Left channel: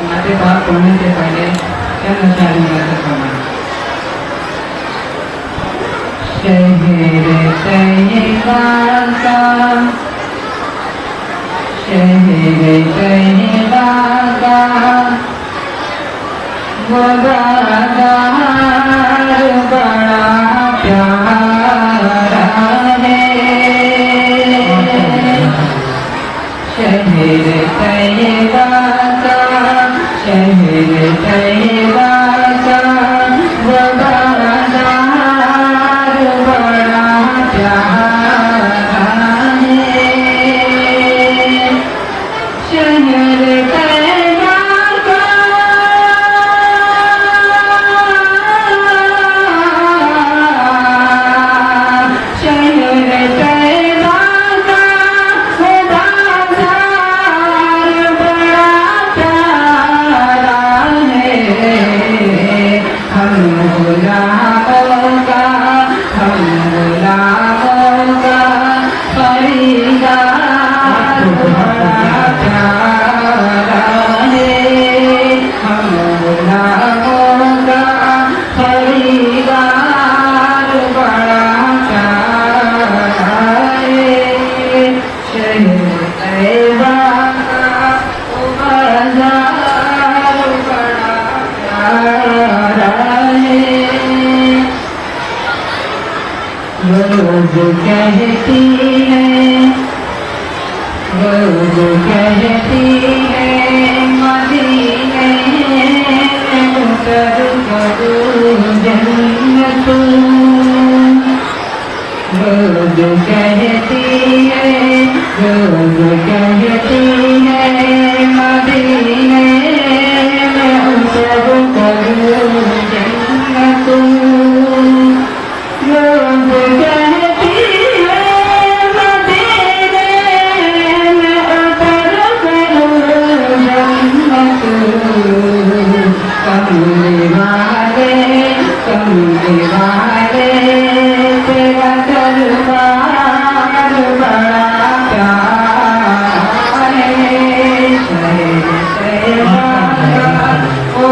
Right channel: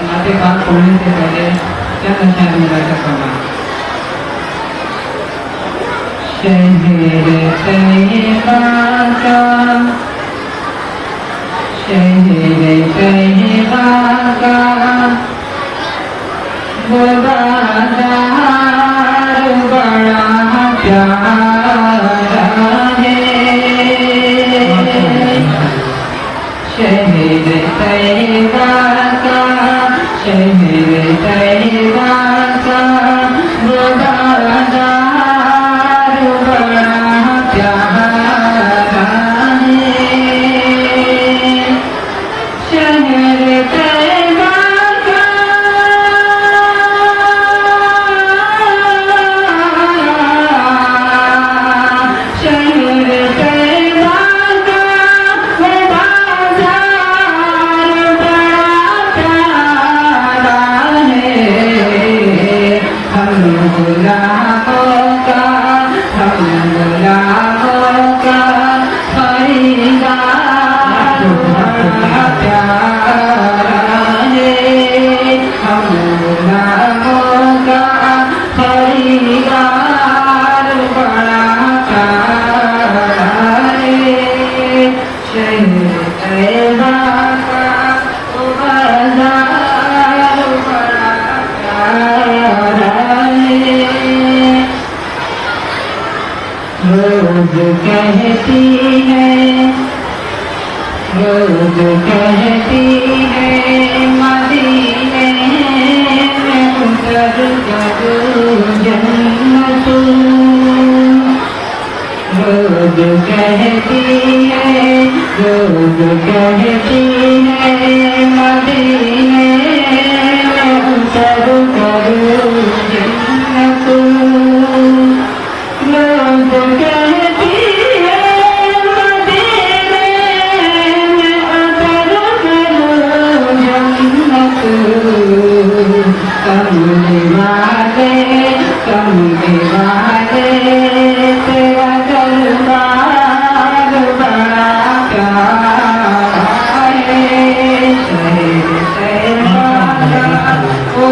नाते बात पढ़ने से पहले चंद अक्षर मुलाकात करना। शहर तैयबा का, शहर तैयबा का वो बाज़ार बड़ा प्यारा है। शहर तैयबा का, शहर तैयबा का वो बाज़ार बड़ा प्यारा है। शहर तैयबा का, शहर तैयबा का वो बाज़ार बड़ा प्यारा है। हम गुलामों का, हम गुलामों का खरीदार बड़ा प्यारा है। हम गुलामों का खरीदार बड़ा प्यारा है। शहर तैयबा का वो बाज़ार बड़ा प्यारा है। रोज कहती है, रोज कहती है मदीने में उतर करूं जन्नत। रोज कहती है, रोज कहती है मदीने में उतर करूं जन्नत। रोज कहती है मदीने में उतर करूं जन्नत। कमले वाले, कमले वाले तेरा दरबार बड़ा प्यारा है। शहर तैयबा का वो